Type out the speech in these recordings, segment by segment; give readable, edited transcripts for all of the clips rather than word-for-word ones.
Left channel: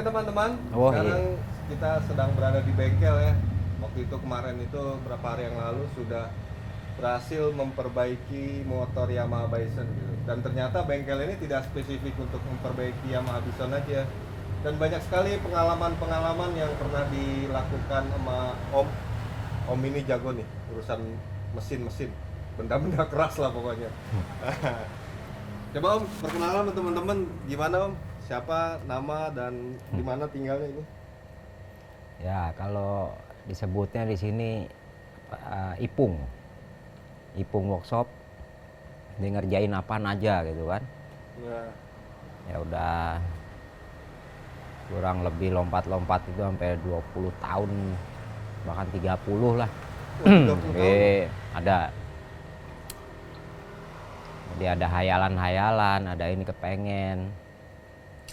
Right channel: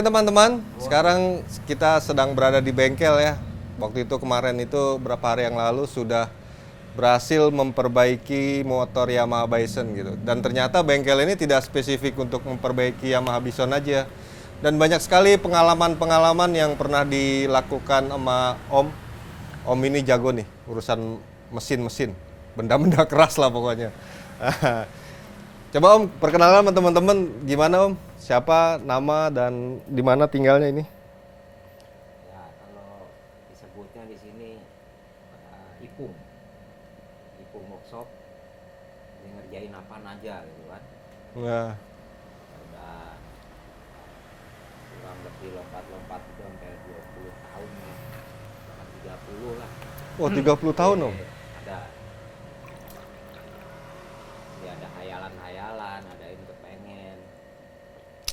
Oke teman-teman, Oh, sekarang kita sedang berada di bengkel ya. Waktu itu kemarin itu berapa hari yang lalu sudah berhasil memperbaiki motor Yamaha Bison gitu. Dan ternyata bengkel ini tidak spesifik untuk memperbaiki Yamaha Bison aja. Dan banyak sekali pengalaman-pengalaman yang pernah dilakukan sama Om. Om ini jago nih urusan mesin-mesin, benda-benda keras lah pokoknya. Coba Om, perkenalan sama teman-teman gimana Om? Siapa, nama, dan di mana tinggalnya ini? ya kalau disebutnya di sini Ipung, Ipung Workshop, dia ngerjain apaan aja gitu kan. Nah, Ya udah kurang lebih lompat-lompat itu sampai 20 tahun, bahkan 30 lah. oh 30 tahun Om? Ada. Jadi ada hayalan-hayalan, ada ini kepengen.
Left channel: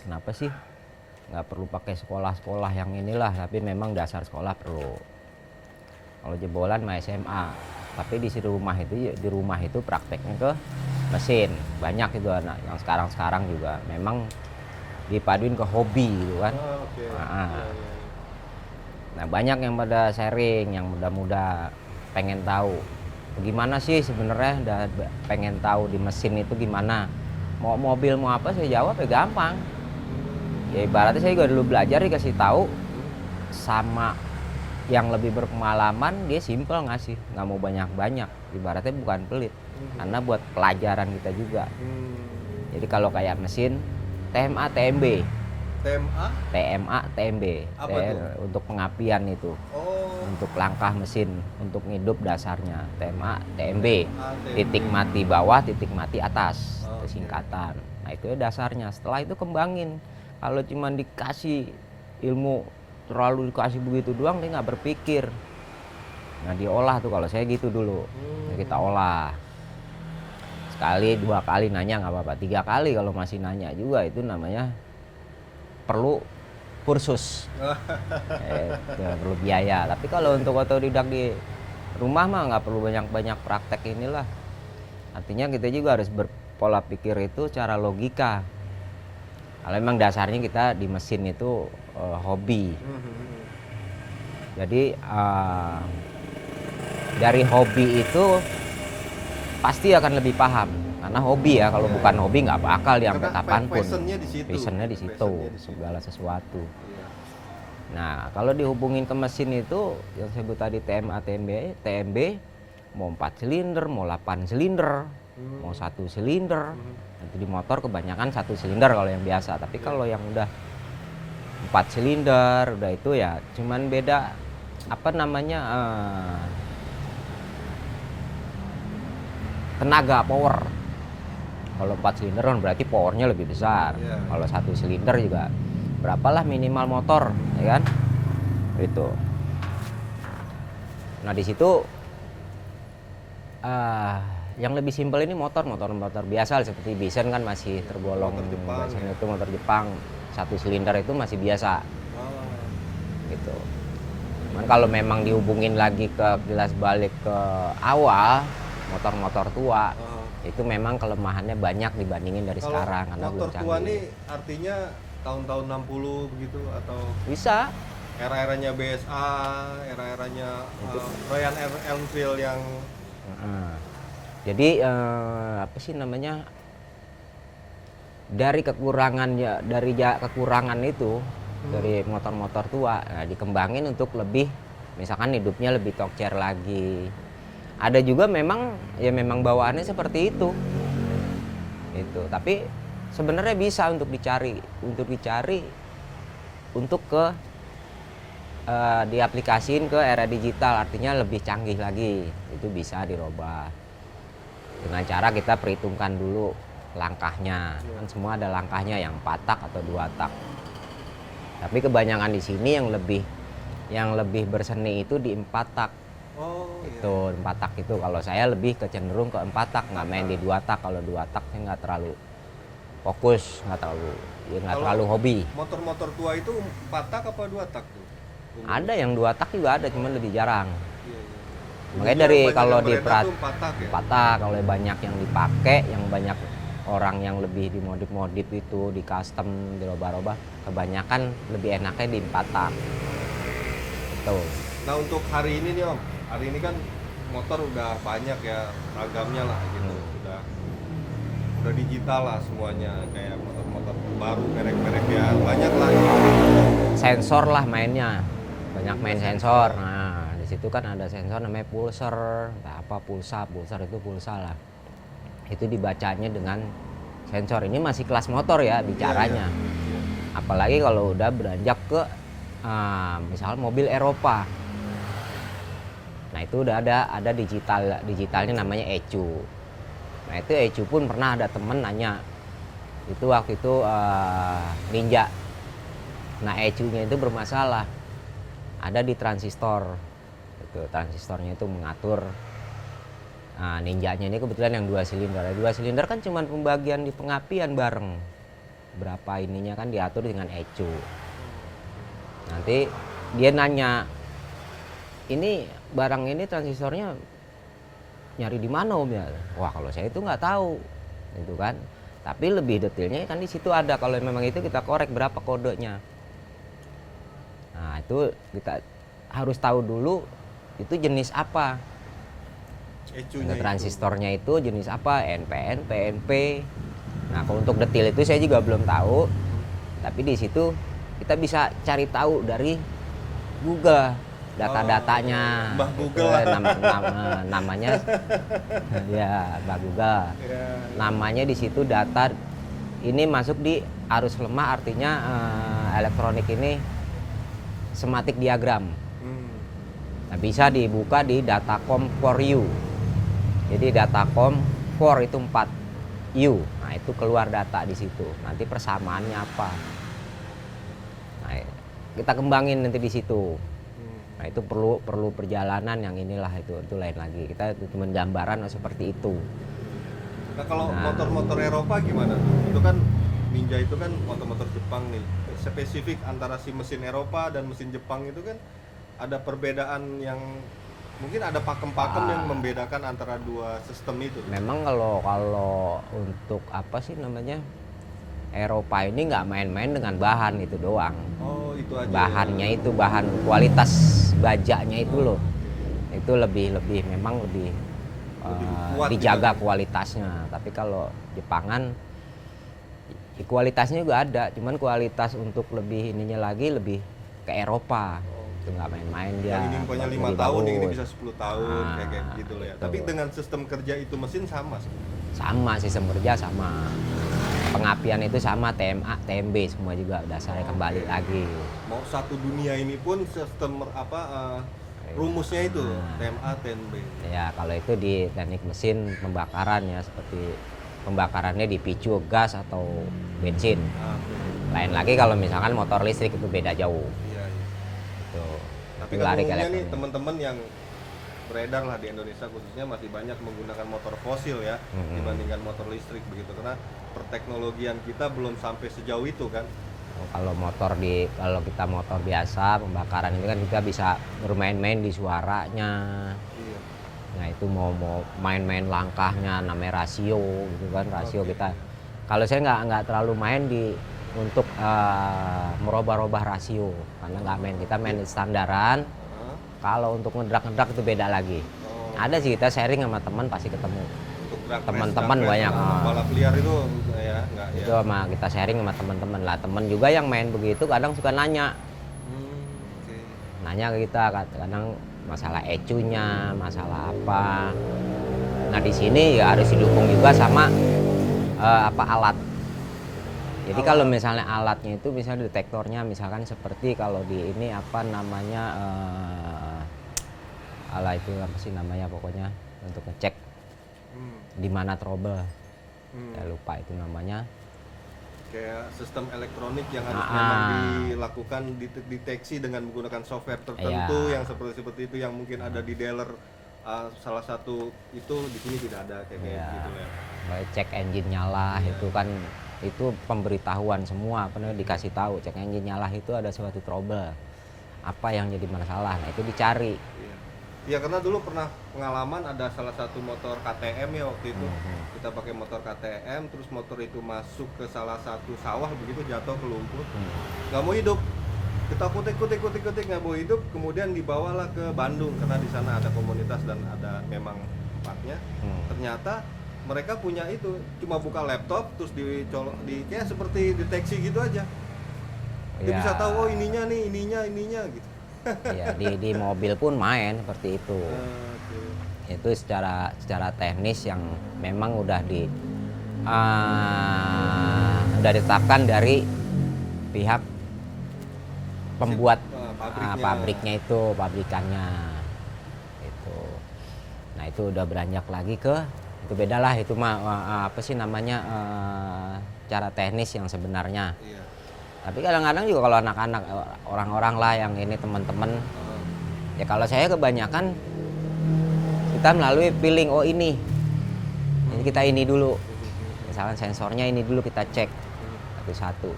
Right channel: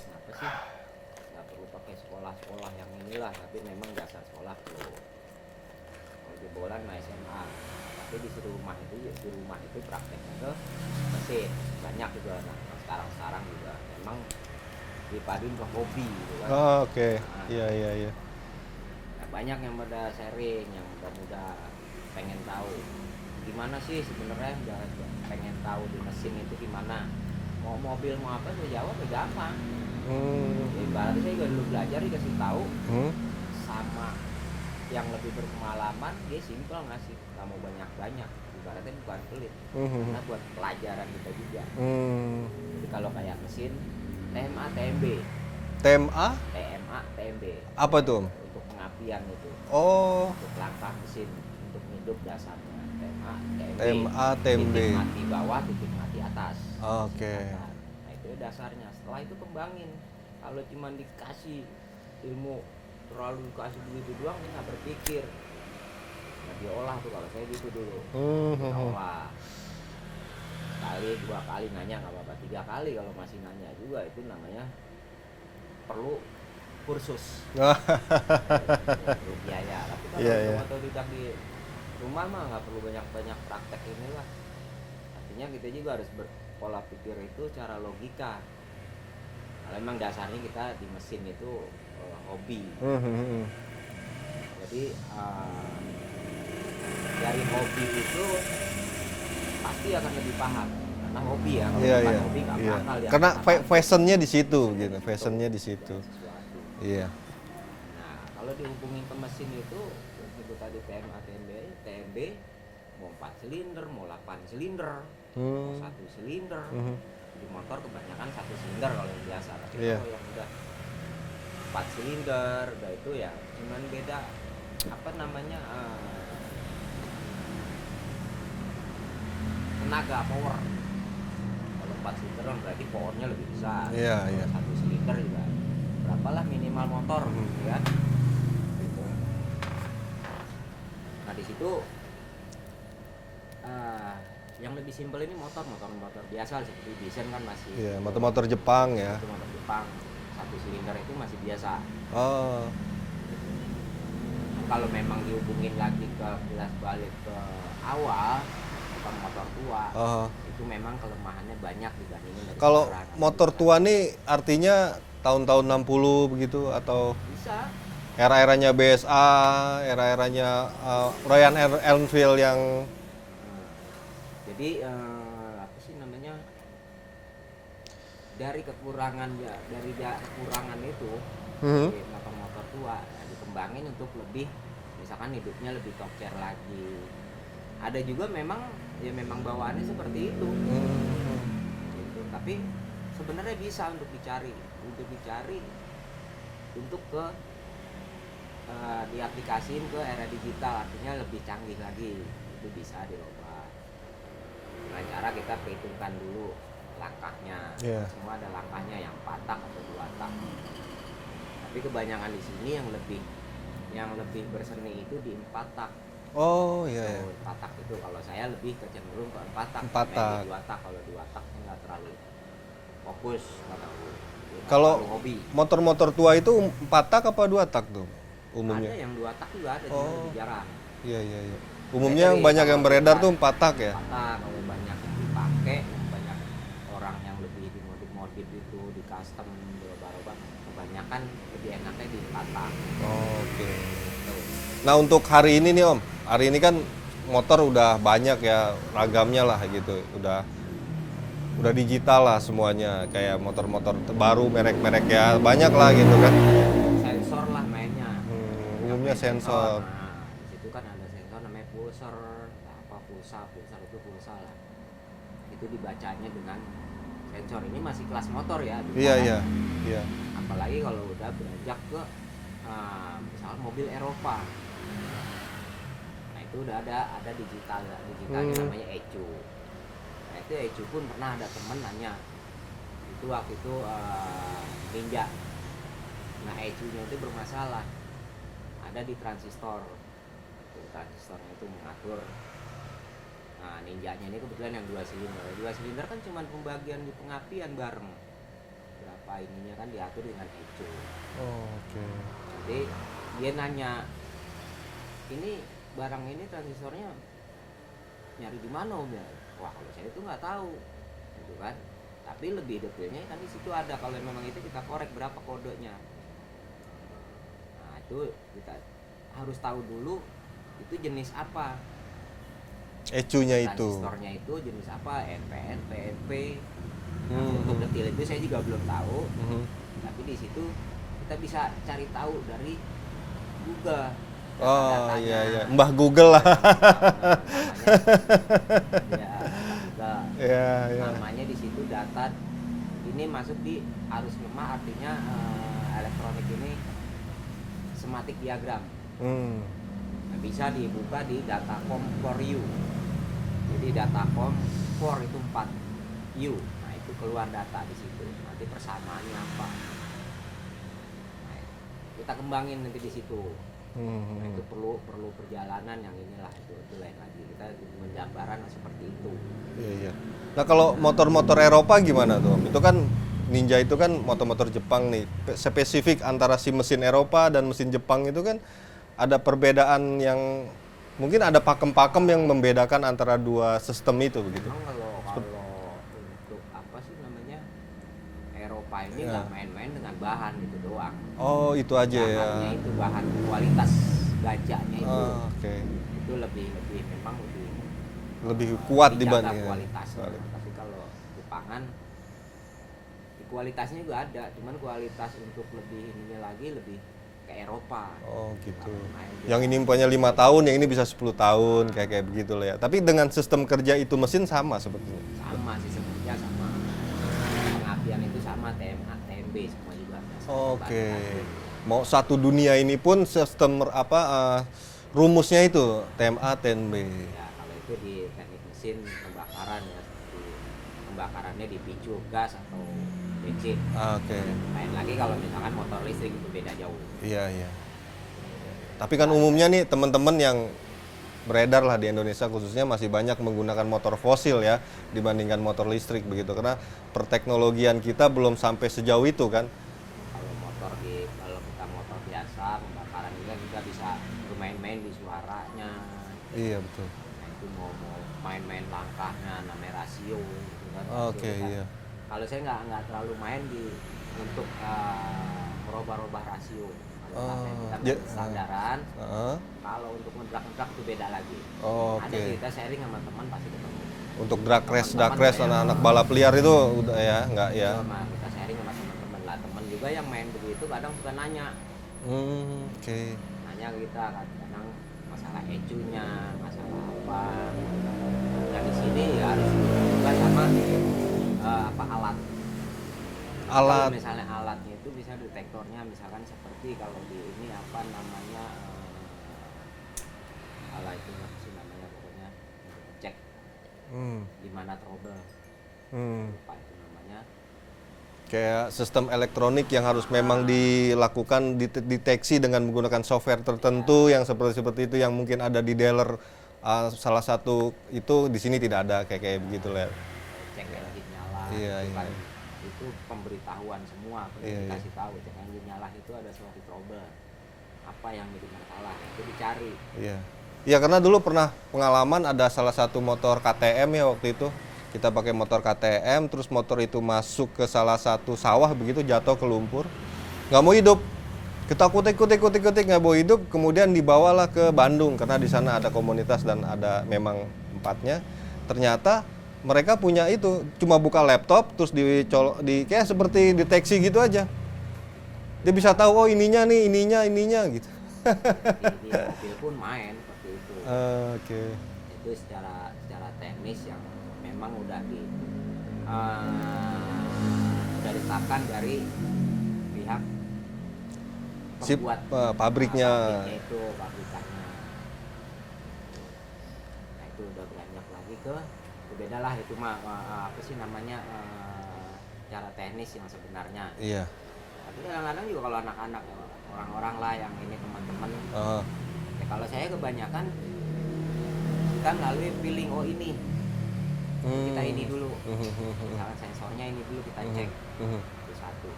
Kenapa sih? Nggak perlu pakai sekolah-sekolah yang inilah, tapi memang dasar sekolah perlu. Kalau jebolan mah SMA, tapi di rumah itu prakteknya ke mesin. Banyak itu anak yang sekarang juga memang dipaduin ke hobi gitu kan. Ah, oke. Nah, Iya. nah, banyak yang pada sharing, yang muda-muda pengen tahu gimana sih sebenarnya, pengen tahu di mesin itu gimana. Mau mobil mau apa saya jawab ya gampang. Ya ibaratnya saya juga dulu belajar dikasih tahu sama yang lebih berpengalaman, dia simpel ngasih, nggak mau banyak-banyak, ibaratnya bukan pelit, karena buat pelajaran kita juga. Jadi kalau kayak mesin TMA TMB, TMA? TMA TMB Apa tuh? untuk pengapian itu, Oh, untuk langkah mesin, untuk ngidup dasarnya TMA TMB, TMA, TMB. titik mati bawah, titik mati atas, Oke. singkatan. Nah itu dasarnya. Setelah itu kembangin. Kalau cuma dikasih ilmu, terlalu dikasih begitu doang, dia nggak berpikir. Nah diolah tuh, kalau saya gitu dulu. Kita olah sekali 2 kali nanya nggak apa-apa, 3 kali kalau masih nanya juga, itu namanya perlu kursus. Ya, perlu biaya. Tapi kalau untuk otodidak di rumah mah nggak perlu banyak-banyak praktek inilah. Artinya kita juga harus berpola pikir itu cara logika. Kalau memang dasarnya kita di mesin itu hobi. Jadi dari hobi itu pasti akan lebih paham. Karena hobi ya, kalau bukan hobi nggak bakal diangkat Karena kapanpun. fashionnya di situ. Passionnya di situ. Segala sesuatu. Iya. Nah, kalau dihubungin ke mesin itu, yang saya sebut tadi TMA, TMB, mau 4 silinder, mau 8 silinder, mau 1 silinder. Nanti di motor kebanyakan 1 silinder kalau yang biasa. Tapi kalau yang udah 4 silinder, udah itu ya cuman beda apa namanya tenaga, power. Kalau 4 silinder kan berarti powernya lebih besar. Kalau 1 silinder juga berapalah minimal motor, ya kan? Itu. Nah di situ yang lebih simpel ini motor biasa seperti Bison kan masih tergolong motor Jepang ya. Itu motor Jepang 1 silinder itu masih biasa. Oh. Gitu. Nah, kalau memang dihubungin lagi ke kilas balik ke awal, motor-motor tua, itu memang kelemahannya banyak dibandingin dari kalau sekarang. Kalau motor tua nih artinya tahun-tahun 60 begitu atau bisa era-eranya BSA, era-eranya Royal Enfield yang jadi apa sih namanya, dari kekurangan itu dari motor-motor tua, nah, dikembangin untuk lebih, misalkan hidupnya lebih tokcer lagi. Ada juga memang bawaannya seperti itu. Itu. Tapi sebenarnya bisa untuk dicari untuk ke diaplikasiin ke era digital, artinya lebih canggih lagi. Itu bisa dirubah. Dengan cara kita perhitungkan dulu langkahnya. Semua ada langkahnya, yang 4 tak atau 2 tak. Tapi kebanyakan di sini yang lebih berseni itu di 4 tak. Oh iya. Tuh 4 tak itu, kalau saya lebih kecenderung ke 4 tak, nggak main di 2 tak. Kalau 2 tak saya nggak terlalu fokus, nggak terlalu hobi. Motor-motor tua itu 4 tak apa 2 tak tuh? Umumnya? Ada yang 2 tak juga ada, cuman lebih jarang. Iya. Umumnya Umumnya banyak yang beredar tuh 4 tak ya? 4 tak, kalau banyak yang dipakai, yang banyak orang yang lebih dimodif-modif itu, di custom, dirubah-rubah, kebanyakan lebih enaknya di 4 tak. Oh, oke. Tuh. Nah untuk hari ini nih Om, hari ini kan motor udah banyak ya ragamnya lah gitu, udah digital lah semuanya, kayak motor-motor terbaru merek-merek ya banyak lah gitu kan. Sensor lah mainnya, banyak Juga main sensor. sensor. Nah di situ kan ada sensor namanya pulser, pulsa itu pulsa lah. Itu dibacanya dengan sensor. Ini masih kelas motor ya Iya, bicaranya. iya. Apalagi kalau udah beranjak ke misal mobil Eropa. Nah itu udah ada digitalnya namanya ECU. Nah itu ECU pun pernah ada temen nanya, itu waktu itu Ninja. Nah ECU-nya itu bermasalah, ada di transistor. Itu transistornya itu mengatur. Nah, Ninjanya ini kebetulan yang 2 silinder. 2 silinder kan cuma pembagian di pengapian bareng. Berapa ininya kan diatur dengan ECU. Oh, oke. Nanti dia nanya, ini barang ini transistornya nyari di mana Om ya? Wah kalau saya itu nggak tahu, itu kan. Tapi lebih detailnya kan di situ ada. Kalau memang itu kita korek berapa kodenya. Nah itu kita harus tahu dulu itu jenis apa. ECU-nya itu. Transistornya itu jenis apa, NPN, PNP. Nah, untuk detail itu saya juga belum tahu. Tapi di situ kita bisa cari tahu dari Google data-datanya. Oh, iya. Mbah Google lah. Namanya ya, Mbah Google. Iya, iya. Namanya di situ data ini masuk di arus lemah, artinya elektronik ini schematic diagram. Nah, bisa dibuka di Datacom for You. Jadi Datacom core itu 4U. Nah, itu keluar data di situ. Nanti persamaannya apa. Nah, kita kembangin nanti di situ. Nah, itu perlu perjalanan yang inilah itu lain lagi. Kita cuma gambaran seperti itu. Iya, iya. Nah, kalau motor-motor Eropa gimana tuh? Itu kan Ninja itu kan motor-motor Jepang nih. Spesifik antara si mesin Eropa dan mesin Jepang itu kan ada perbedaan yang mungkin ada pakem-pakem yang membedakan antara dua sistem itu. Memang kalau untuk apa sih namanya, Eropa ini nggak main-main dengan bahan itu doang. Oh, itu aja Bahannya ya. itu bahan kualitas bajanya itu loh. Oke. Itu lebih memang lebih kuat dijaga dibanding- kualitasnya. Tapi kalau Jepangan kualitasnya juga ada, cuman kualitas untuk lebih ininya lagi lebih ke Eropa. Oh, Itu nggak main-main dia. Yang ini punya 5 Lebih tahun, yang ini bagus. bisa 10 tahun, kayak begitu lah ya. Tapi dengan sistem kerja itu mesin sama sebetulnya. Sama sistem kerja sama. Pengapian itu sama, TMA, TMB semua juga udah saya kembali Oke. lagi. Mau satu dunia ini pun sistem rumusnya itu TMA, TNB. Ya kalau itu di teknik mesin pembakaran ya, seperti pembakarannya dipicu gas atau bensin. Oke. Lain lagi kalau misalkan motor listrik itu beda jauh. Iya, iya. Tuh. Tapi kan Lari umumnya kayak- nih teman-teman yang beredar lah di Indonesia khususnya masih banyak menggunakan motor fosil ya dibandingkan motor listrik begitu, karena perteknologian kita belum sampai sejauh itu kan. Kalau kalau kita motor biasa pembakaran itu kan kita bisa bermain-main di suaranya. Iya betul. Nah itu mau main-main langkahnya, namanya rasio gitu kan, rasio Oke, kita. iya. Kalau saya nggak terlalu main untuk merubah-rubah rasio, karena nggak main, kita main standaran. Heeh. Kalau untuk ngedrak itu beda lagi. Oh, Ada oke. sih, kita sharing sama teman pasti ketemu. Untuk drag race Teman-teman banyak, anak balap liar itu udah ya nggak ya. Itu sama kita sharing sama teman-teman lah. Teman juga yang main begitu kadang suka nanya, Oke. nanya ke kita kadang masalah ECU-nya, masalah apa. Nah di sini ya harus didukung juga sama alat. Jadi kalau misalnya alatnya itu misalnya detektornya misalkan seperti kalau di ini apa namanya itu apa sih namanya pokoknya untuk ngecek di mana trouble. Saya lupa itu namanya. Kayak sistem elektronik yang harus memang dilakukan deteksi dengan menggunakan software tertentu yang seperti itu yang mungkin ada di dealer salah satu itu di sini tidak ada kayak begitu lah. Cek engine nyala itu kan itu pemberitahuan semua, dikasih tahu cek engine nyala itu ada suatu trouble. Apa yang jadi masalah? Nah, itu dicari. Iya. Ya karena dulu pernah pengalaman ada salah satu motor KTM ya waktu itu kita pakai motor KTM, terus motor itu masuk ke salah satu sawah begitu, jatuh ke lumpur, nggak mau hidup. Kita kutik nggak mau hidup, kemudian dibawalah ke Bandung karena di sana ada komunitas dan ada memang tempatnya. Ternyata mereka punya itu, cuma buka laptop terus kayak seperti deteksi gitu aja. Dia Ya. bisa tahu oh ininya gitu. Ya, di mobil pun main seperti itu. Oke. Itu secara teknis yang memang udah ditetapkan dari pihak pembuat pabriknya itu, pabrikannya itu. Nah itu udah beranjak lagi itu beda lah, itu mah apa sih namanya, cara teknis yang sebenarnya. Iya. Tapi kadang-kadang juga kalau anak-anak, orang-orang lah yang ini teman-teman, ya kalau saya kebanyakan kita melalui feeling, oh ini kita ini dulu, misalkan sensornya ini dulu kita cek satu-satu.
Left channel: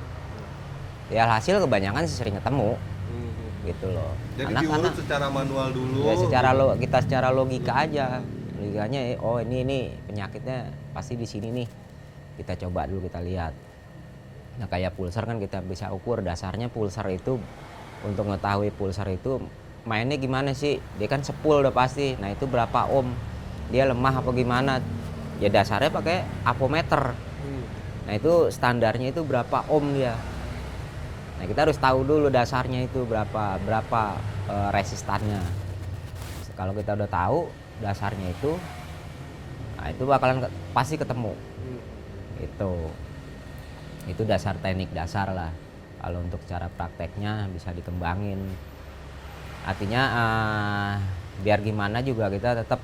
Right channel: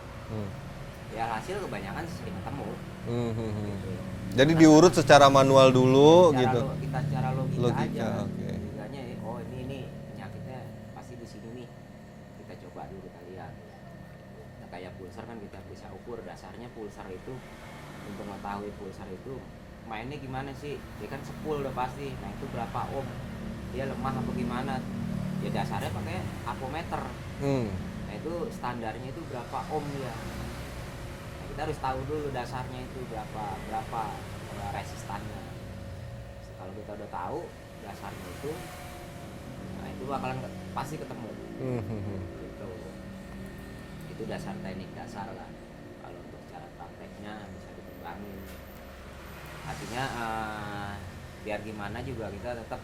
Ya hasil kebanyakan sih sering ketemu, gitu loh. Jadi diurut secara manual dulu. Ya, gitu. kita secara logika aja, okay. logikanya, oh ini penyakitnya pasti di sini nih, kita coba dulu, kita lihat. Nah kayak pulsar kan kita bisa ukur dasarnya pulsar itu, untuk mengetahui pulsar itu mainnya gimana sih, dia kan sepul udah pasti. Nah itu berapa ohm, dia lemah apa gimana, ya dasarnya pakai ampometer. Nah itu standarnya itu berapa ohm dia. Nah kita harus tahu dulu dasarnya itu berapa resistannya. Kalau kita udah tahu dasarnya itu, nah itu bakalan pasti ketemu. Itu dasar teknik dasar lah. Kalau untuk cara prakteknya bisa dikembangin. Artinya biar gimana juga kita tetap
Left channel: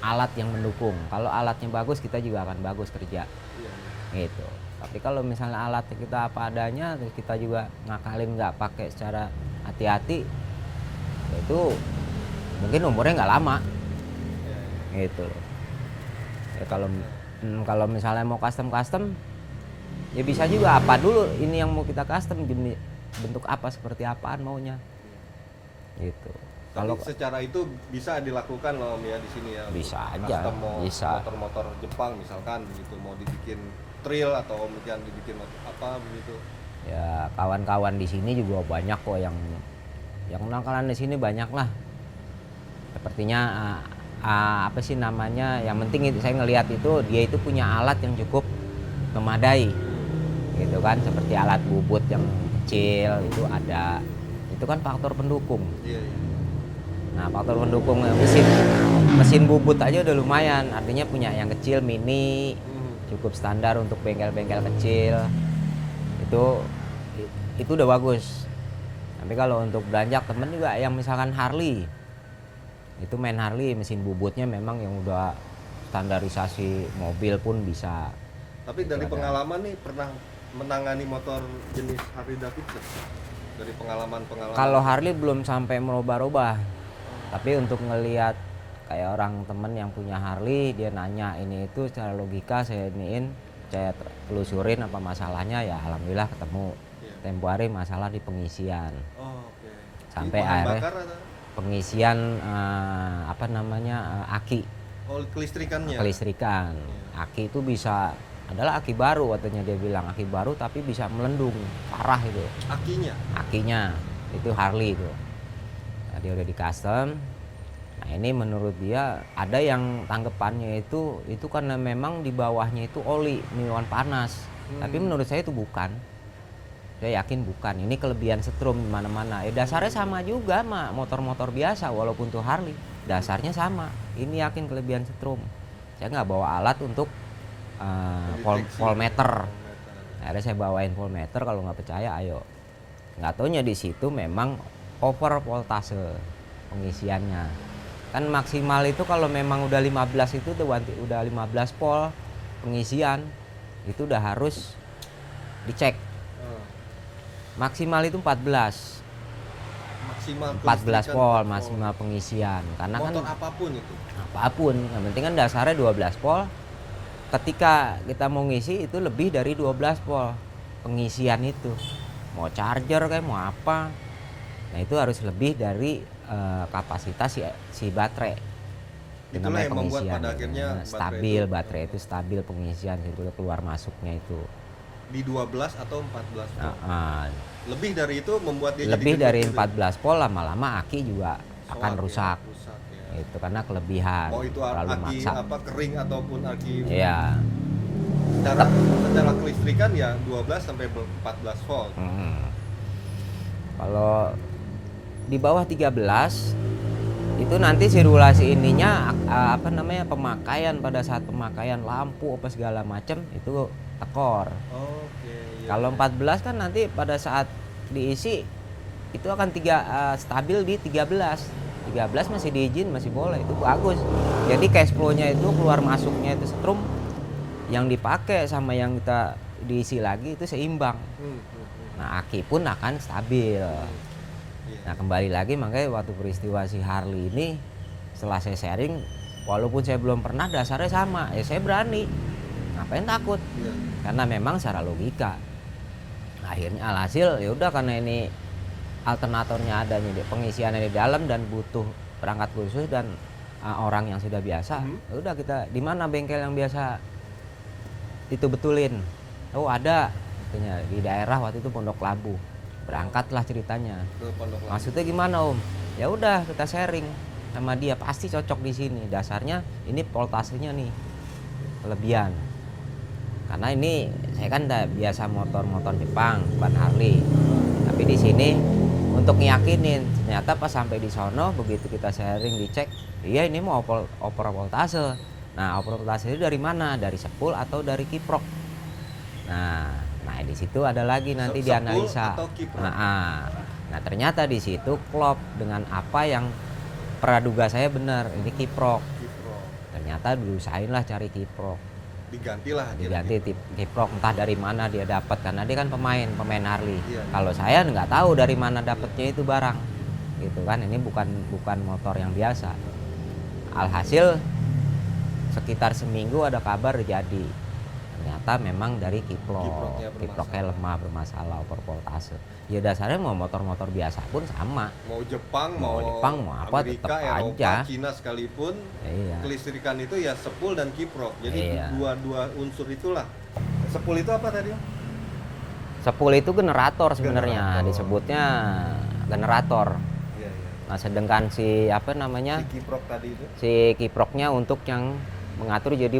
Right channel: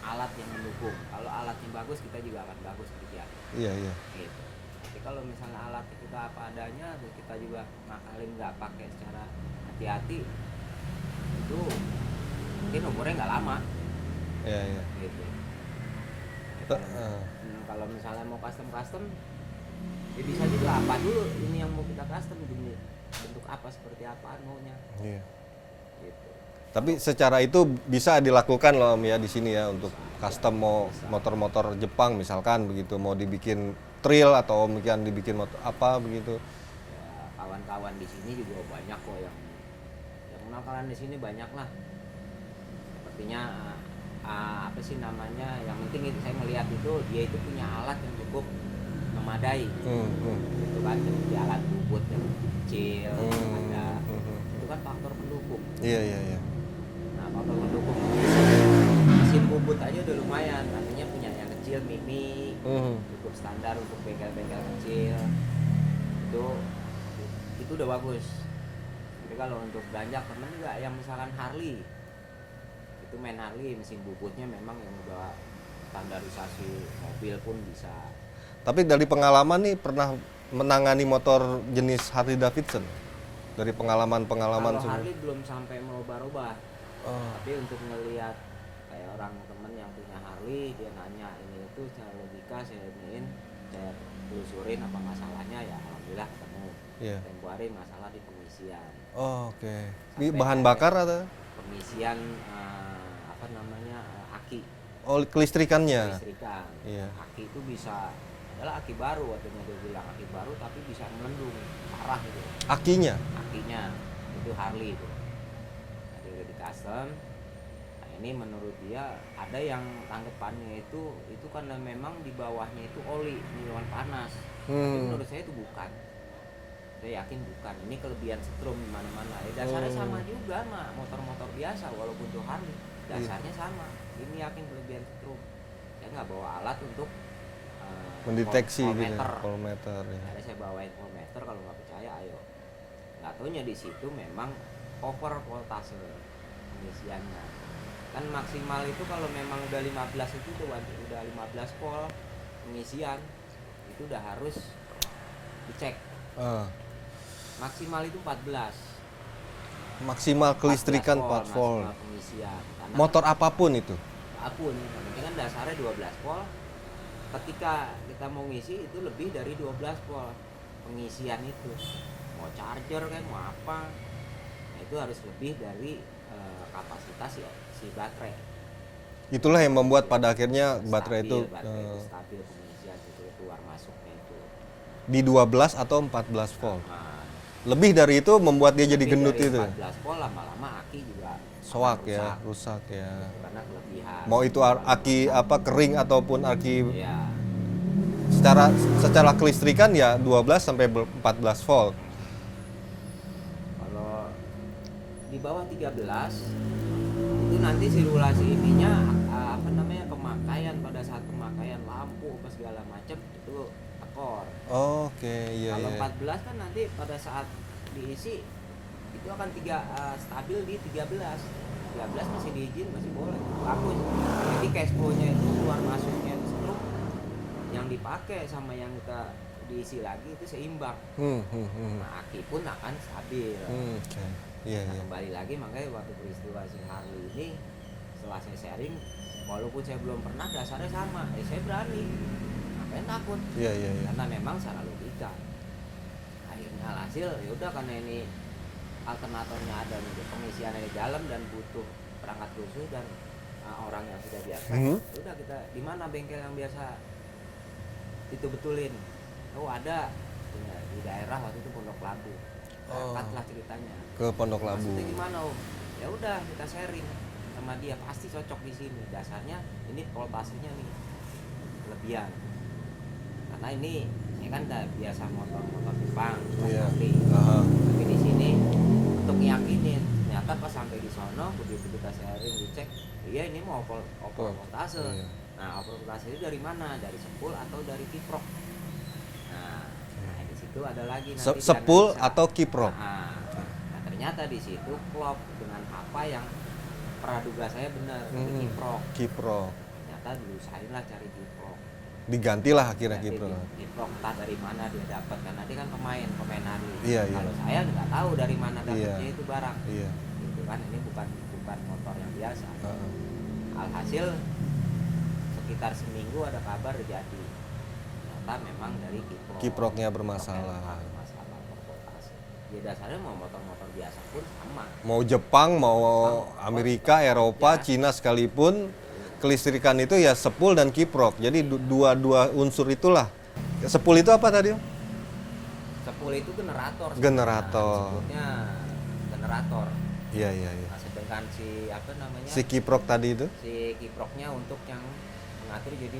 alat yang mendukung. Kalau alatnya bagus, kita juga akan bagus kerja. Iya. Gitu. Tapi kalau misalnya alat kita apa adanya, kita juga ngakalin nggak pakai secara hati-hati, itu mungkin umurnya nggak lama. Iya. Gitu. Ya, kalau misalnya mau custom, ya bisa juga apa dulu ini yang mau kita custom, bentuk apa, seperti apaan maunya. Iya. Gitu. Tapi secara itu bisa dilakukan loh Om ya di sini ya, untuk Bisa aja, custom motor-motor Jepang misalkan begitu, mau dibikin trail atau Om dibikin motor apa begitu. Ya kawan-kawan di sini juga banyak kok yang nakalan di sini banyak lah. Sepertinya apa sih namanya? Yang penting itu saya ngelihat itu dia itu punya alat yang cukup memadai. Gitu kan, seperti alat bubut yang kecil itu ada. Itu kan faktor pendukung. Iya. Nah, faktor pendukung mesin bubut aja udah lumayan. Artinya punya yang kecil mini, cukup standar untuk bengkel-bengkel kecil. Itu udah bagus. Tapi kalau untuk beranjak temen juga yang misalkan Harley, itu main Harley mesin bubutnya memang yang udah standarisasi mobil pun bisa. Tapi dari pengalaman nih pernah menangani motor jenis Harley Davidson? Dari pengalaman Kalau Harley belum sampai merubah-rubah. Tapi untuk ngelihat kayak orang temen yang punya Harley, dia nanya ini itu secara logika saya telusurin apa masalahnya, ya alhamdulillah ketemu. Tempo hari masalah di pengisian. Oke. Ini Sampai bahan bakar atau pengisian apa namanya, aki. Oh, kelistrikannya. Kelistrikan. Iya. Aki itu bisa adalah aki baru, katanya dia bilang aki baru tapi bisa melendung parah itu. Akinya itu Harley itu. Nah, dia udah di custom. Nah ini menurut dia ada yang tanggapannya itu karena memang di bawahnya itu oli minuman panas. Tapi menurut saya itu bukan. Saya yakin bukan. Ini kelebihan setrum di mana-mana. Dasarnya sama juga mah motor-motor biasa walaupun tuh Harley. Dasarnya sama. Ini yakin kelebihan setrum. Saya nggak bawa alat untuk voltmeter. Ya. Akhirnya saya bawain voltmeter, kalau nggak percaya ayo. Nggak taunya di situ memang over voltase pengisiannya. Kan maksimal itu kalau memang udah 15 itu udah 15 volt pengisian itu udah harus dicek. Maksimal itu 14. Maksimal kelistrikan 14 volt maksimal pengisian. Karena motor kan, apapun itu. Apapun, yang penting kan dasarnya 12 volt. Ketika kita mau ngisi itu lebih dari 12 volt pengisian itu. Mau charger kayak mau apa. Nah, itu harus lebih dari kapasitas si baterai. Itulah Gimana yang membuat pengisian. pada akhirnya baterai Stabil, itu baterai itu stabil pengisian itu keluar masuknya itu. di 12 atau 14 volt. Ah, Lebih dari itu membuat dia jadi lebih gendut dari gitu. 14 volt lama-lama aki juga akan rusak. Ya, rusak ya. Itu karena kelebihan. Mau itu terlalu aki maksa. apa kering ataupun aki Ya. secara kelistrikan ya 12 sampai 14 volt. Kalau di bawah 13 itu nanti sirkulasi ininya apa namanya pemakaian pada saat pemakaian lampu apa segala macam itu tekor. Oke, iya. Kalau iya. 14 kan nanti pada saat diisi itu akan stabil di 13. 13 masih diizin, masih boleh, itu bagus. Jadi cash flow-nya itu keluar masuknya itu setrum yang dipakai sama yang kita diisi lagi itu seimbang. Nah, aki pun akan stabil. Oke. Iya, Nah, iya. kembali lagi makanya waktu peristiwa si Harley ini setelah saya sharing, walaupun saya belum pernah dasarnya sama, ya saya berani. Ngapain takut? Iya, iya, iya. Karena memang secara logika. Akhirnya alhasil ya udah karena ini alternatornya adanya di pengisiannya di dalam dan butuh perangkat khusus dan orang yang sudah biasa. Ya udah kita di mana bengkel yang biasa itu betulin. Oh, ada katanya di daerah waktu itu Pondok Labu. Berangkatlah ceritanya. Ke Pondok Labu. Maksudnya gimana Om? Ya udah kita sharing sama dia, pasti cocok di sini. Dasarnya ini voltasenya nih kelebihan. Karena ini saya kan udah biasa motor-motor Jepang, bukan Harley. Tapi di sini untuk ngiyakinin, ternyata pas sampai di sono begitu kita sharing dicek, iya ini mau oper voltase. Nah, oper voltase itu dari mana? Dari sepul atau dari kiprok? Nah di situ ada lagi nanti sepul dianalisa. atau kiprok. Nah, ternyata di situ klop dengan apa yang praduga saya benar, ini kiprok. Kiprok. Ternyata diusahain lah cari kiprok. Digantilah akhirnya Diganti kiprok. kiprok entah dari mana dia dapat karena dia kan pemain Harley. Iya, iya. Kalau saya nggak tahu dari mana dapatnya itu barang. Iya. Gitu kan, ini bukan motor yang biasa. Alhasil sekitar seminggu ada kabar jadi. Ternyata memang dari kiprok. Kiproknya Kiproknya bermasalah. lemah, bermasalah, over voltase. Ya dasarnya mau motor-motor biasa pun sama. Mau Jepang, mau Jepang, mau apa, Amerika, tetap Eropa, aja. Cina sekalipun, Iya. kelistrikan itu ya sepul dan kiprok. Jadi Iya. dua unsur itulah. Sepul itu apa tadi? Sepul itu generator sebenarnya, Generator. disebutnya generator. Iya, iya, iya. Nah, sedangkan si apa namanya? Si kiprok tadi itu? Si kiproknya untuk yang mengatur jadi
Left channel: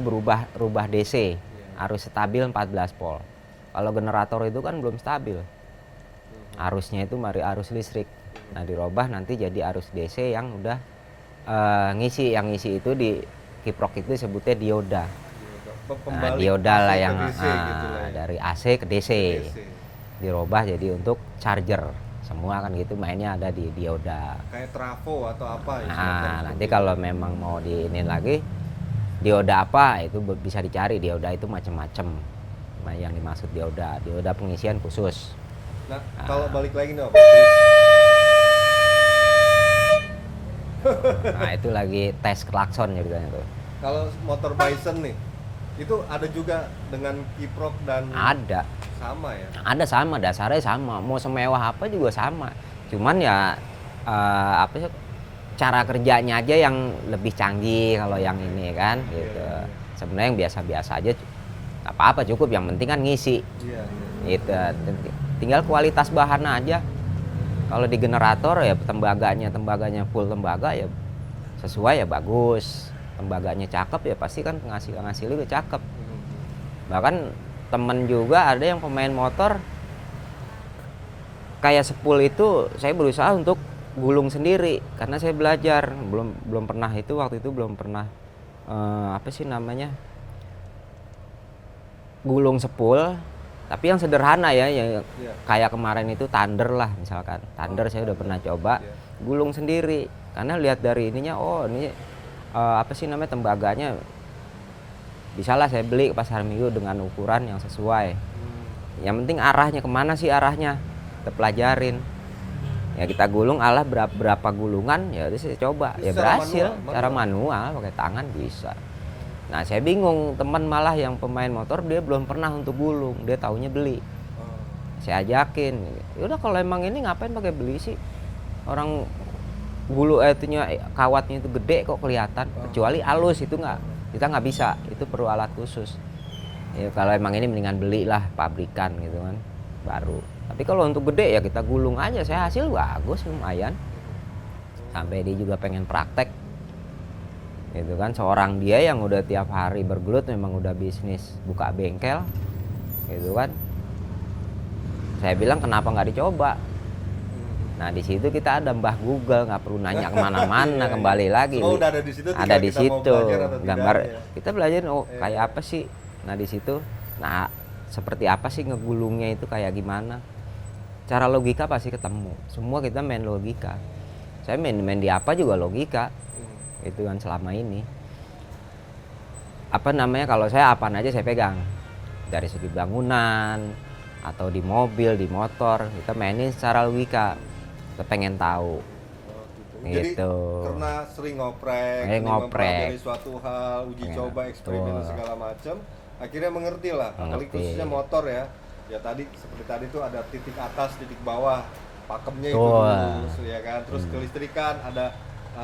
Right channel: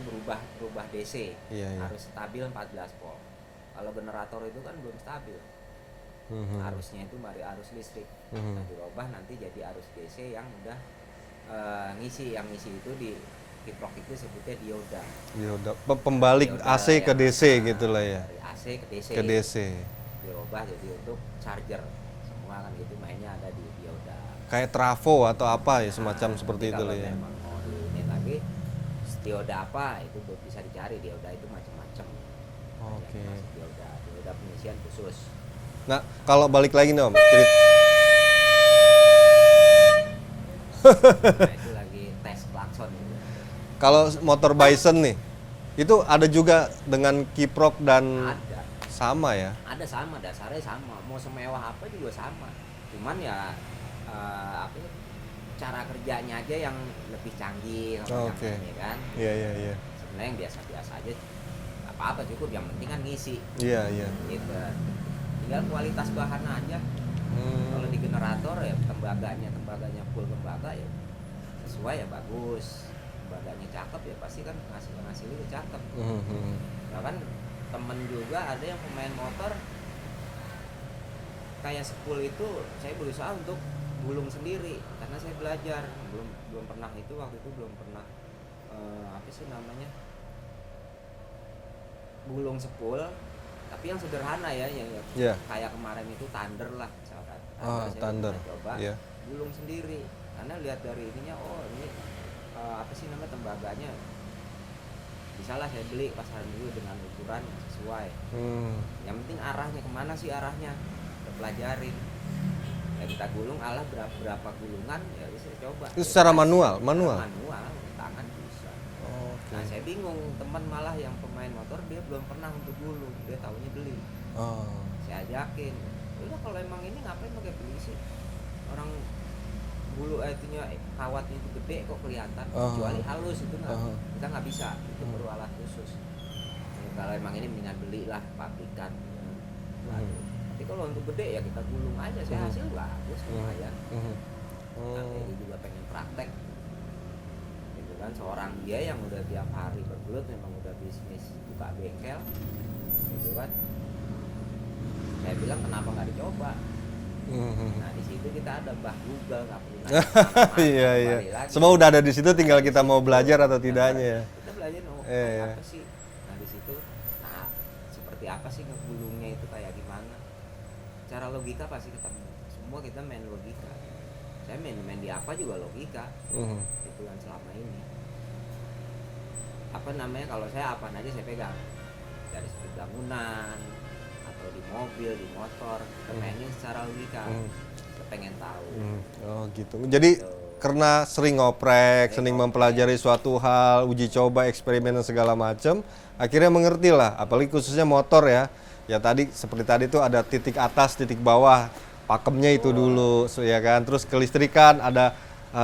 rubah DC. Iya, iya. Harus stabil 14 volt. Kalau generator itu kan belum stabil. Arusnya itu mari arus listrik. Nah, dirubah nanti jadi arus DC yang udah ngisi. Yang ngisi itu di kiprok itu sebutnya dioda. Dioda. Pembalik Dioda AC lah ke yang, DC gitu lah ya. Dari AC ke DC. Ke DC. Dirubah jadi untuk charger. Semua kan gitu mainnya ada di dioda. Kayak trafo atau apa ya semacam seperti Nanti itu. kalau ya. memang mau diinin lagi dioda apa itu bisa dicari. Dioda itu macam-macam. Nah, yang dimaksud dioda pengisian khusus. Nah, kalau balik lagi nih Om, cerita. Nah, itu lagi tes klakson gitu kan. Kalau motor Bison nih, itu ada juga dengan kiprok dan Ada sama ya. dasarnya sama. Mau semewah apa juga sama. Cuman ya apa sih cara kerjanya aja yang lebih canggih kalau yang Oke. ini kan. Iya, Gitu. iya, iya. Sebenarnya yang biasa-biasa aja nggak apa-apa, cukup, yang penting kan ngisi. Iya, iya. Gitu. Tinggal kualitas bahan aja. Kalau di generator ya tembaganya full tembaga ya sesuai ya bagus. Tembaganya cakep ya pasti kan hasilnya juga cakep. Bahkan temen juga ada yang pemain motor kayak sepul itu saya berusaha untuk gulung sendiri karena saya belajar belum pernah itu waktu itu belum pernah apa sih namanya gulung sepul. Tapi yang sederhana ya, yang Iya. kayak kemarin itu Thunder lah misalkan. Thunder saya udah Thunder. pernah coba Iya. gulung sendiri. Karena lihat dari ininya, oh ini apa sih namanya tembaganya. Bisalah saya beli ke pasar minggu dengan ukuran yang sesuai. Yang penting arahnya kemana sih arahnya, kita pelajarin. Ya kita gulung berapa gulungan ya udah saya coba. Itu Ya secara berhasil. manual? Secara manual pakai tangan bisa. Nah saya bingung, teman malah yang pemain motor dia belum pernah untuk gulung, dia taunya beli. Saya ajakin, yaudah kalau emang ini ngapain pakai beli sih, orang itunya kawatnya itu gede kok kelihatan, kecuali halus itu kita nggak bisa, itu perlu alat khusus. Ya kalau emang ini mendingan belilah pabrikan gitu kan baru. Tapi kalau untuk gede ya kita gulung aja, saya hasil bagus lumayan. Sampai dia juga pengen praktek gitu kan, seorang dia yang udah tiap hari bergelut memang udah bisnis buka bengkel gitu kan. Saya bilang kenapa nggak dicoba. Nah di situ kita ada Mbah Google, nggak perlu nanya kemana-mana. Iya, kembali iya. lagi Semua udah ada di situ, tinggal ada di kita mau situ. belajar atau tidak. Ya. Kita belajar kayak apa sih. Nah di situ, nah seperti apa sih ngegulungnya itu kayak gimana. Cara logika pasti ketemu. Semua kita main logika. Saya main di apa juga logika. Itu kan selama ini. Apa namanya, kalau saya apaan aja saya pegang. Dari segi bangunan atau di mobil, di motor, kita mainin secara logika. Kita pengen tahu. Oh gitu. Jadi karena sering ngoprek, sering mempelajari suatu hal, uji coba, eksperimen dan segala macam, akhirnya mengerti lah. Apalagi khususnya motor ya. Ya tadi seperti tadi tuh ada titik atas, titik bawah, pakemnya itu dulu, ya kan. Terus kelistrikan ada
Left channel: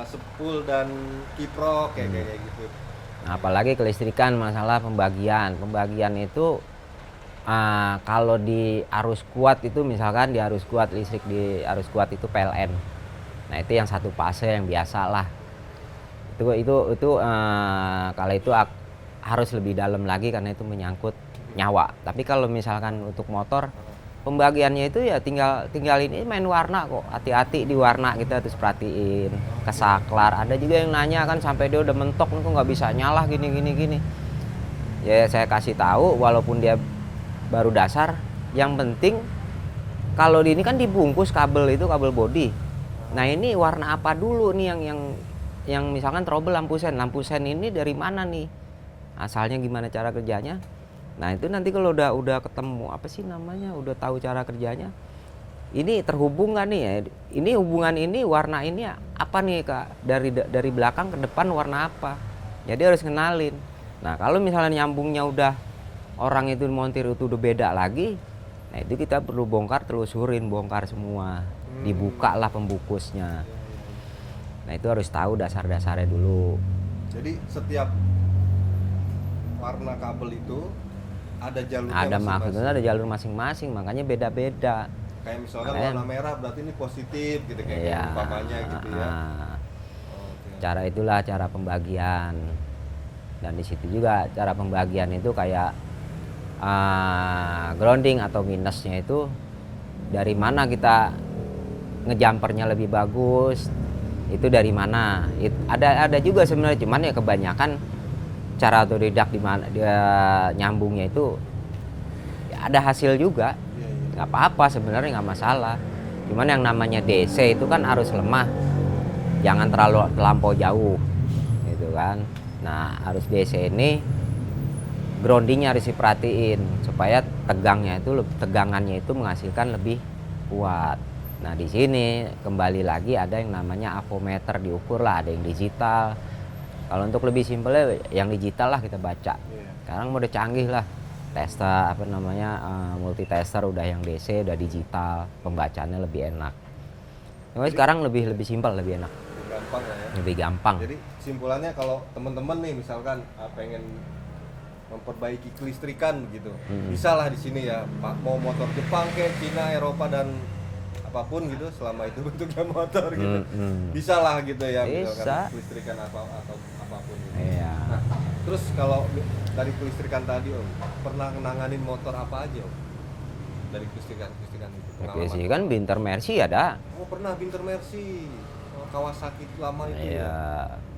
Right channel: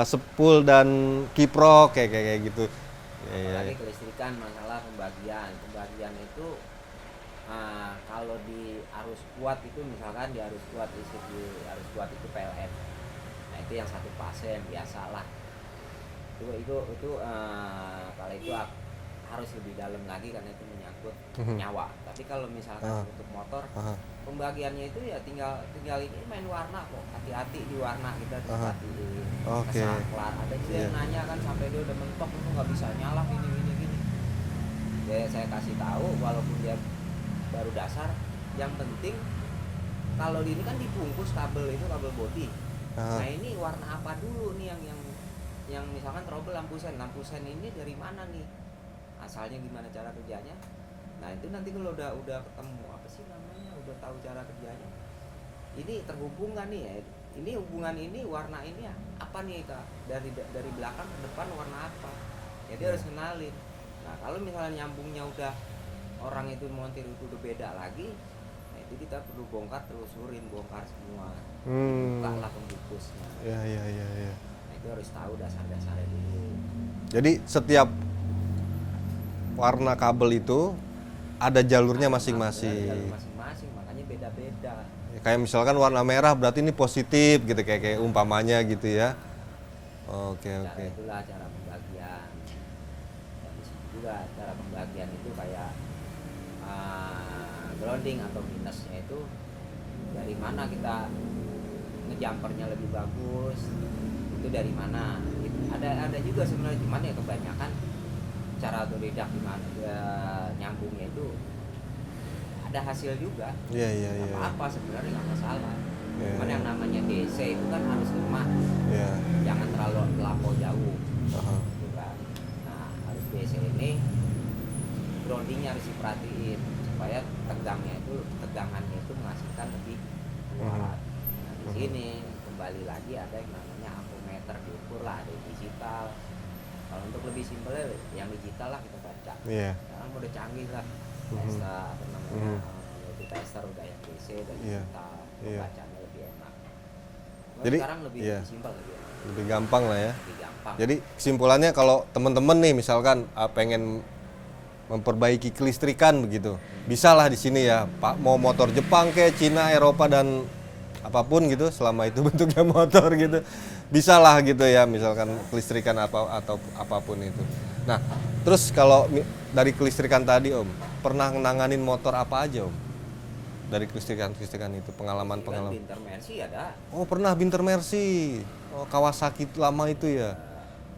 sepul dan kiprok kayak gitu. Apalagi kelistrikan, masalah pembagian itu kalau di arus kuat itu, misalkan di arus kuat listrik di arus kuat itu PLN. Nah itu yang satu fase yang biasa lah. Itu kalau itu harus lebih dalam lagi karena itu menyangkut nyawa. Tapi kalau misalkan untuk motor, pembagiannya itu ya tinggal ini main warna kok. Hati-hati di warna kita harus perhatiin. Kesaklar. Ada juga yang nanya kan sampai dia udah mentok itu nggak bisa nyala gini. Ya saya kasih tahu walaupun dia baru dasar, yang penting kalau di ini kan dibungkus kabel itu, kabel bodi. Nah ini warna apa dulu nih yang misalkan trouble lampu sen ini dari mana nih? Asalnya gimana cara kerjanya. Nah itu nanti kalau udah ketemu apa sih namanya, udah tahu cara kerjanya, ini terhubung nggak nih ya, ini hubungan ini warna ini apa nih Kak, dari belakang ke depan warna apa, jadi harus kenalin. Nah kalau misalnya nyambungnya udah orang itu montir itu udah beda lagi, nah itu kita perlu bongkar semua, dibuka lah pembungkusnya. Ya. Nah itu harus tahu dasar-dasarnya dulu. Jadi setiap warna kabel itu ada jalurnya masing-masing. Ada jalur masing-masing, makanya beda-beda. Kayak misalkan warna merah berarti ini positif gitu kayak umpamanya gitu ya. Oke. Cara itulah cara pembagian. Dan di situ juga cara pembagian itu kayak grounding atau minusnya itu dari mana kita ngejumpernya lebih bagus, itu dari mana. Ada juga sebenarnya, cuman ya kebanyakan cara otodidak di mana dia nyambungnya itu ya ada hasil juga. Nggak apa-apa sebenarnya, nggak masalah. Cuman yang namanya DC itu kan arus lemah, jangan terlampau jauh gitu kan. Nah arus DC ini groundingnya harus diperhatiin supaya tegangannya itu menghasilkan lebih kuat. Nah di sini kembali lagi ada yang namanya avometer, diukur lah, ada yang digital. Kalau untuk lebih simpelnya yang digital lah kita baca. Sekarang udah canggih lah, tester multi tester udah yang DC, udah digital, pembacaannya lebih enak. Jadi, sekarang lebih simpel, lebih enak, lebih gampang lah ya. Lebih gampang. Jadi kesimpulannya kalau teman-teman nih misalkan pengen memperbaiki kelistrikan begitu, bisa lah di sini ya, Pak. Mau motor Jepang kayak Cina, Eropa dan apapun gitu, selama itu bentuknya motor gitu, bisa lah gitu ya, misalkan kelistrikan atau apapun itu. Nah, terus kalau dari kelistrikan tadi Om, pernah nanganin motor apa aja Om? Dari kelistrikan itu pengalaman? Kelistrikan Binter Mercy ada. Oh pernah Binter Mercy, Kawasaki lama itu ya?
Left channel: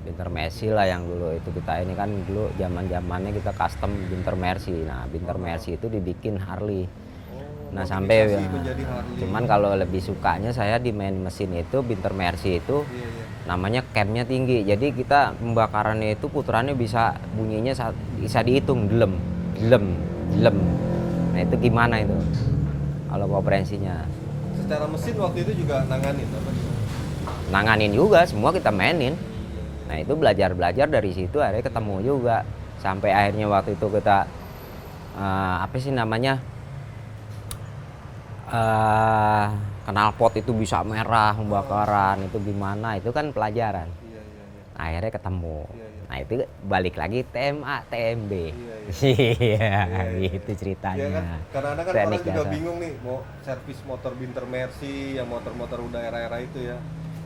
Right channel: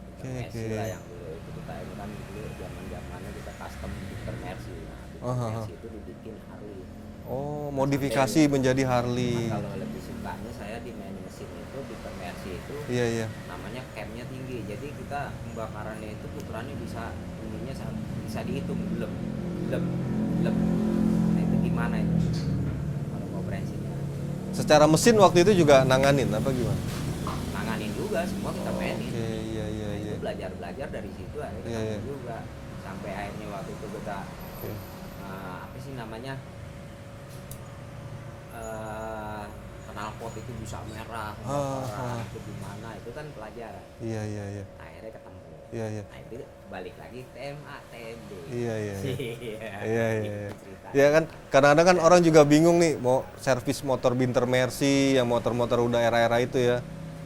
Binter Mercy lah yang dulu itu kita ini kan dulu zamannya kita custom Binter Mercy. Nah Binter Mercy itu dibikin Harley. Nah, modifikasi menjadi Harley. Cuman kalau lebih sukanya saya di main mesin itu Binter Mercy itu namanya camnya tinggi. Jadi kita pembakarannya itu putarannya bisa bunyinya bisa dihitung delem. Nah itu gimana itu kalau kompresinya? Secara mesin waktu itu juga nanganin apa gimana? Nanganin juga, semua kita mainin. Nah itu belajar dari situ akhirnya ketemu juga. Sampai akhirnya waktu itu kita apa sih namanya? knalpot itu bisa merah pembakaran itu gimana, itu kan pelajaran. Iya, iya, iya. Nah, akhirnya ketemu. Iya, iya. Nah itu balik lagi TMA TMB. Iya, iya. Iya, Iya, iya, gitu iya. ceritanya. Ya kan, kadang-kadang kan Saya orang juga bicara. bingung nih mau servis motor Binter Mercy, yang motor-motor udah era-era itu ya.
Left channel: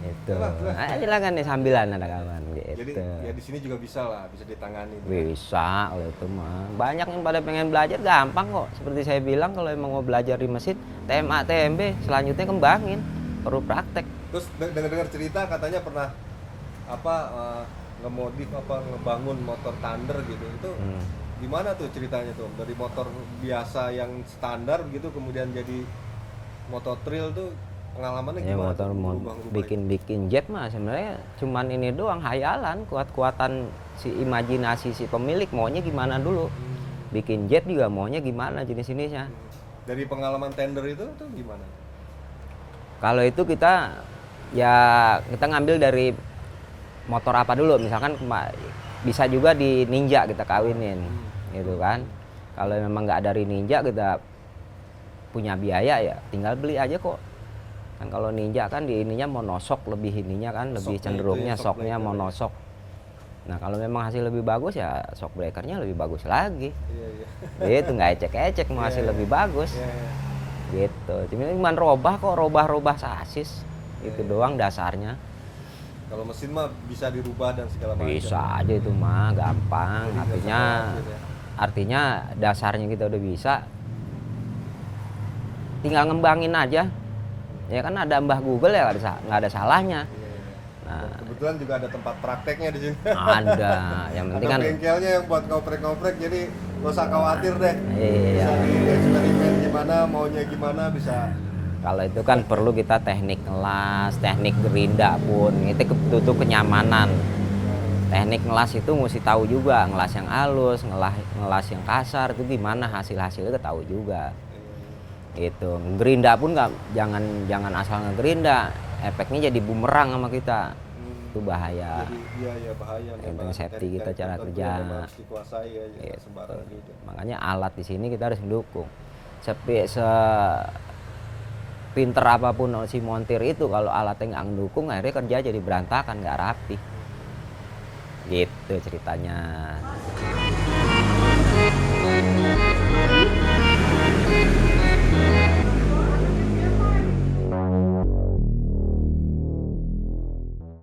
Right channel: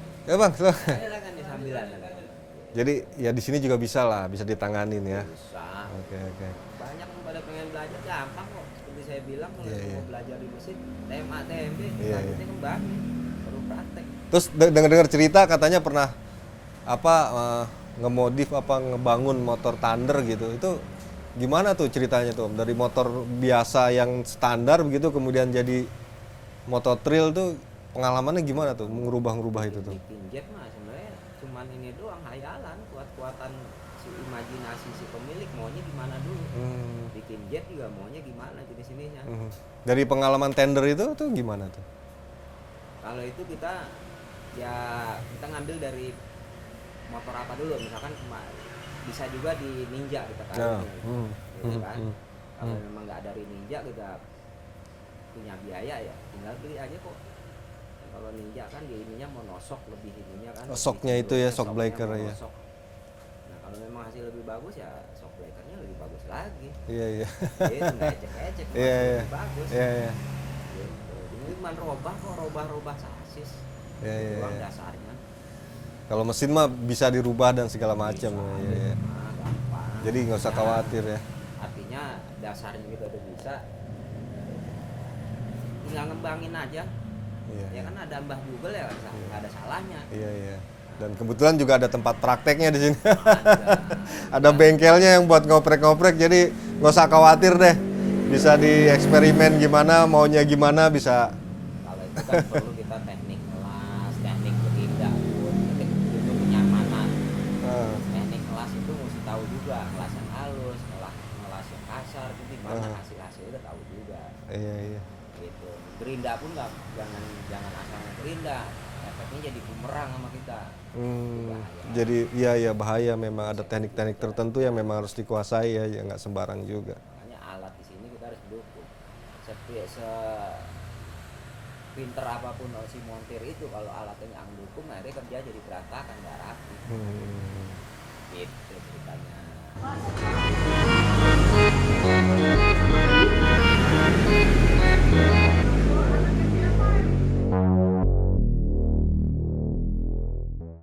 Gitu. Ya bang, Nah, silakan nih sambilan ada kawan. Gitu. jadi ya di sini juga bisa lah, bisa ditanganin ya. Bisa kalau itu mah. Banyak yang pada pengen belajar gampang kok. Seperti saya bilang kalau emang mau belajar di mesin TMA TMB selanjutnya kembangin. Perlu praktek. Terus dengar-dengar cerita katanya pernah apa ngemodif apa ngebangun motor Thunder gitu. Itu gimana tuh ceritanya tuh? Dari motor biasa yang standar begitu kemudian jadi motor trail tuh pengalamannya gimana tuh merubah-merubah itu? Bikin jet mah sebenarnya cuman ini doang hayalan, kuat-kuatan si imajinasi si pemilik maunya gimana dulu. Bikin jet juga maunya gimana jenis-jenisnya. Dari pengalaman tender itu tuh gimana tuh? Kalau itu kita ngambil dari motor apa dulu, misalkan bisa juga di Ninja kita kawinin, gitu kan. Kalau memang nggak dari Ninja kita punya biaya ya tinggal beli aja kok. Kan kalau Ninja kan di ininya monosok lebih ininya kan lebih Shocknya itu cenderungnya ya, shock shocknya breaker monosok. Nah kalau memang hasil lebih bagus ya shock breakernya lebih bagus lagi. Iya, iya. Itu nggak ecek-ecek mau hasil Iya, lebih bagus. Iya, iya. Gitu. Cuma robah sasis. Itu doang dasarnya. Kalau mesin mah bisa dirubah dan segala macam. Bisa aja itu mah gampang. Jadi nggak usah khawatir ya. Artinya dasarnya kita udah bisa. Tinggal ngembangin aja. Ya kan ada Mbah Google ya nggak ada salahnya. Iya, iya. Dan kebetulan juga ada tempat prakteknya di sini. Ada. Yang Ada penting bengkelnya yang buat ngoprek-ngoprek, jadi nggak usah khawatir deh. Iya. Bisa dieksperimen gimana, maunya gimana bisa. kalau itu kan perlu kita teknik ngelas, teknik gerinda pun itu butuh kenyamanan. Teknik ngelas itu mesti tahu juga, ngelas yang halus, ngelas yang kasar itu gimana hasilnya tahu juga. Iya, iya. Gitu. Gerinda pun jangan asal ngegerinda, efeknya jadi bumerang sama kita. Itu bahaya. Jadi iya bahaya memang ada Safety teknik-teknik kita cara tertentu kerja. yang memang harus dikuasai ya, nggak sembarang juga. Makanya alat di sini kita harus mendukung. Pinter apapun si montir itu kalau alatnya nggak mendukung akhirnya kerja jadi berantakan, nggak rapi. Gitu ceritanya.